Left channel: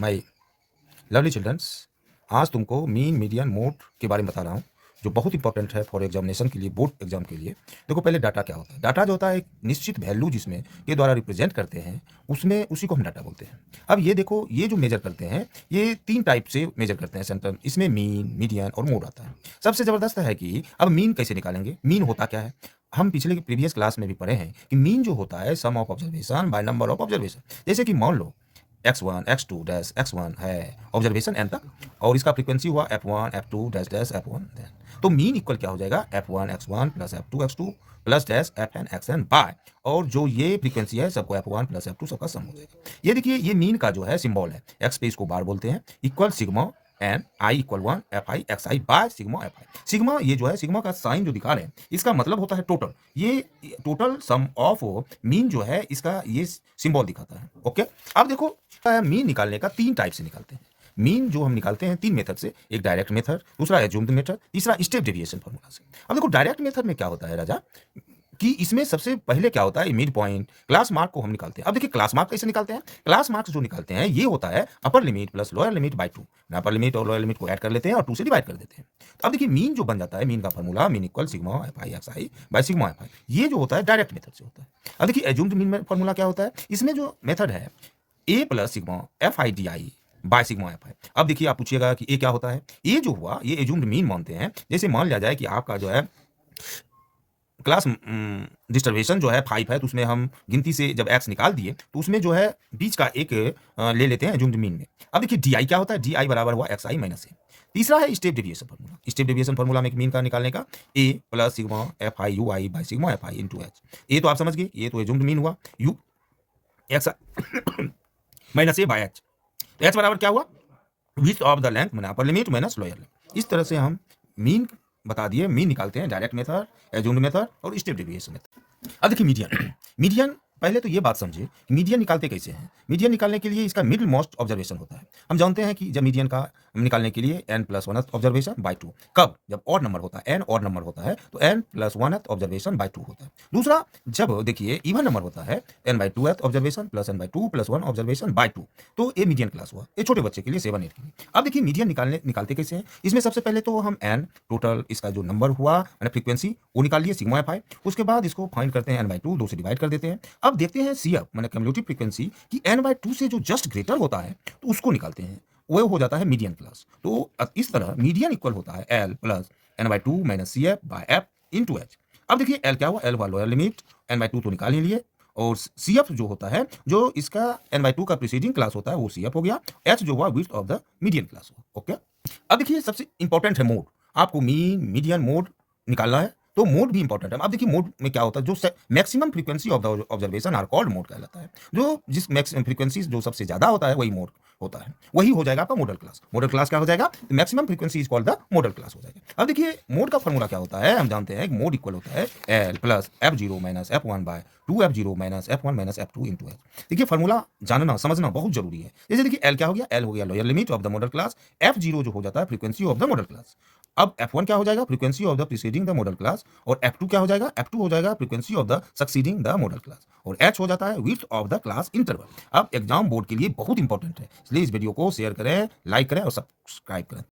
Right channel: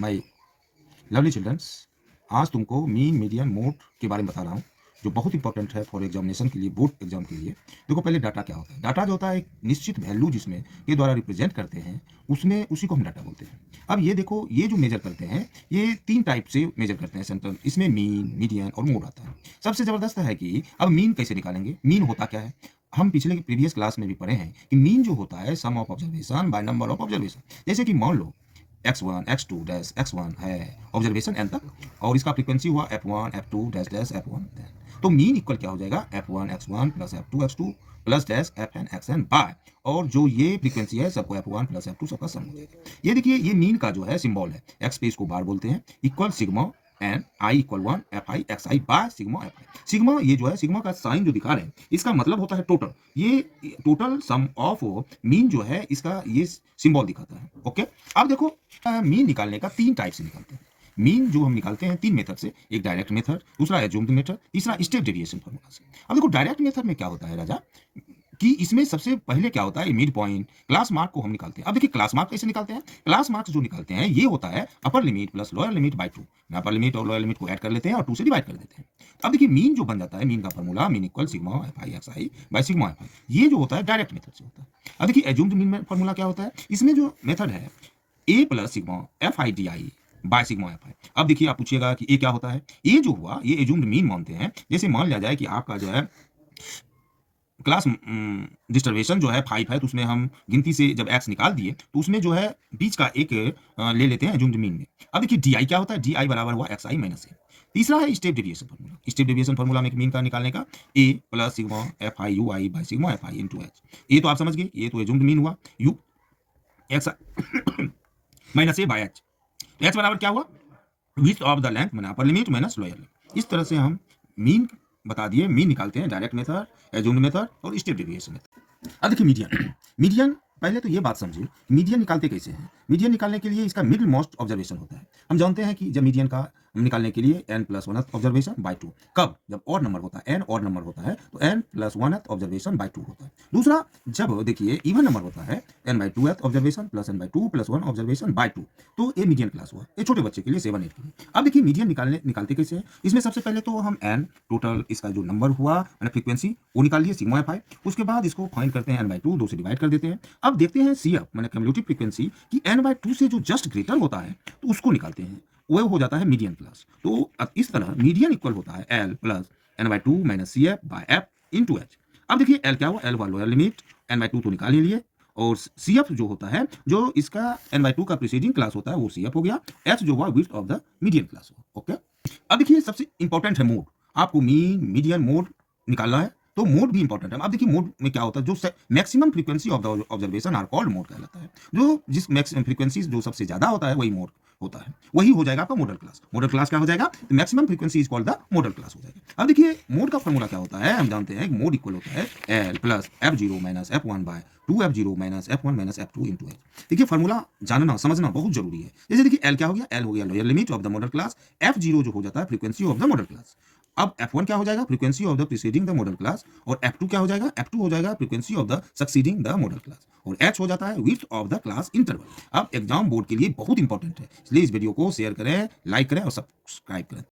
My lovely children's, आज तुमको mean median mode के बारे में बता रहा हूँ, जो बहुत इंपॉर्टेंट है फॉर एग्जामिनेशन के लिए, बोर्ड एग्जाम के लिए। देखो, पहले डाटा क्या होता है। डाटा जो होता है एक निश्चित वैल्यू जिसमें के द्वारा रिप्रेजेंट करते हैं, उसमें उसी को हम डाटा बोलते हैं। अब ये देखो, ये जो मेजर करते हैं, ये तीन टाइप से मेजर करते हैं सेंट्रल। इसमें मीन, मीडियन और मोड आता है। सबसे ज़बरदस्त है कि अब मीन कैसे निकालेंगे। मीन होता क्या है, हम पिछले की प्रीवियस क्लास में भी पढ़े हैं कि मीन जो होता है sum of observation by number of observation. जैसे कि मान लो x1 x2 डैश x1 है ऑब्जर्वेशन n तक, और इसका फ्रीक्वेंसी हुआ f1 f2 dash dash f1 तो मीन इक्वल क्या हो जाएगा, f1 x1 plus f2 x2 plus dash fn xn by, और जो ये फ्रीक्वेंसी है सबको f1 प्लस f2 सबका सम हो जाएगा। ये देखिए, ये मीन का जो है सिंबल है, x पे इसको बार बोलते हैं, equal sigma n i equal 1 f i x i by sigma f i. Sigma, ये जो है सिग्मा का साइन जो दिखा रहे हैं, इसका मतलब होता है टोटल। ये टोटल सम ऑफ मीन जो है, इसका ये सिंबल दिखाता है। ओके, अब देखो, मीन निकालने का तीन टाइप से निकालते हैं। मीन जो हम निकालते हैं तीन मेथड से, एक डायरेक्ट मेथड, दूसरा एज्यूम्ड मेथड, तीसरा स्टेप डेविएशन फॉर्मूला से। अब देखो, डायरेक्ट मेथड में क्या होता है राजा, कि इसमें सबसे पहले क्या होता है, मिड पॉइंट क्लास मार्क को हम निकालते हैं। अब देखिए, क्लास मार्क कैसे निकालते हैं। क्लास मार्क्स जो निकालते हैं, ये होता है upper limit plus lower limit by 2। Upper limit और लोअर लिमिट को ऐड कर लेते हैं और 2 से डिवाइड कर देते हैं। तो अब देखिए, मीन जो बन जाता है, मीन का formula mean equal sigma f i x i by sigma f आई। ये जो होता है डायरेक्ट मेथड से होता है। अब देखिए, एज्यूम्ड मीन में फॉर्मूला क्या होता है, इसमें जो मेथड है a plus sigma f i d i by sigma f i. अब देखिए, आप पूछिएगा कि ए क्या होता है। ए जो हुआ, ये एज्यूम्ड मीन मानते हैं। जैसे मान लिया जाए कि आपका जो है क्लास डिस्टर्बेशन जो है 5 है, तो उसमें हम गिनती से जब x निकाल दिए, तो उसमें जो है बीच का एक ले लेते हैं एज्यूम्ड मीन में। अब देखिए, डी आई क्या होता है, डी आई बराबर हुआ एक्स आई माइनस ए। तीसरा है step deviation formula. Step deviation formula में मीन का निकालने का, a plus sigma f i u i by sigma f i into h. A तो आप समझ गए, ये तो एज्यूम्ड मीन हुआ, u x minus a by h. H बराबर क्या हुआ, विड्थ ऑफ द लेंथ मैंने upper limit minus lower limit. इस तरह से हम मीन बता दिए। मीन निकालते हैं डायरेक्ट मेथड, एज्यूम्ड मेथड और स्टेप डेविएशन मेथड। अब देखिए, मीडियन मीडियन पहले तो ये बात समझिए कि मीडियन निकालते कैसे हैं। मीडियन निकालने के लिए इसका मिडिल मोस्ट ऑब्जर्वेशन होता है। हम जानते हैं कि जब मीडियन का निकालने के लिए n plus 1th observation by 2, कब, जब ऑड नंबर होता है, n ऑड नंबर होता है तो n plus 1th observation by 2 होता है। दूसरा, जब देखिए इवन नंबर होता है, n by 2th observation plus n by 2 प्लस 1 ऑब्जर्वेशन बाय 2, तो ये मीडियन क्लास हुआ। ये छोटे बच्चे के लिए 7 8 के लिए। अब देखिए, मीडियन निकालते कैसे हैं। इसमें सबसे पहले तो हम n टोटल, इसका जो नंबर हुआ मैंने फ्रीक्वेंसी, वो निकाल लिए सिग्मा एफ आई। उसके बाद इसको फाइंड करते हैं n बाय 2, 2 से डिवाइड कर देते हैं। अब देखते हैं सी एफ मैंने कम्युलेटिव फ्रीक्वेंसी कि n बाय 2 से जो जस्ट ग्रेटर होता है, तो उसको निकालते हैं, वो हो जाता है मीडियन क्लास। तो अब इस तरह मीडियन इक्वल होता है l plus n by 2 minus c f by f into h. अब देखिए, एल क्या हुआ, एल हुआ लोअर लिमिट, एन बाई 2 तो निकाल ही लिए, और सी एफ जो होता है, जो इसका एन बाई 2 का प्रीसीडिंग क्लास होता है, वो सी एफ हो गया। एच जो हुआ width of the median class हुआ। ओके, अब देखिए, सबसे इंपॉर्टेंट है मोड। आपको मीन, मीडियन, मोड निकालना है, तो मोड भी इंपॉर्टेंट है। अब देखिए, मोड में क्या होता है, जो maximum frequency of the observation are called mode कहलाता है। जो जिस मैक्सिमम फ्रीक्वेंसी जो सबसे ज्यादा होता है, वही मोड होता है, वही हो जाएगा आपका मॉडल क्लास। मॉडल क्लास क्या हो जाएगा, maximum frequency is called the model class हो जाएगा। अब देखिए, मोड का फॉर्मूला क्या होता है, हम जानते हैं कि मोड इक्वल होता है l plus F zero minus F one by 2 F zero minus F one minus F two into H. देखिए, फॉर्मूला जानना समझना बहुत जरूरी है। जैसे देखिए, एल क्या हो गया, एल हो गया lower limit of the model class, F zero जो हो जाता है frequency of the model class. अब F1 क्या हो जाएगा, frequency of the preceding the model class, और F2 क्या हो जाएगा, F2 हो जाएगा frequency of the succeeding the model class, और H हो जाता है width of the class interval. अब एग्जाम बोर्ड के लिए बहुत इंपॉर्टेंट है, इसलिए इस वीडियो को शेयर करें, लाइक करें और सब्सक्राइब करें।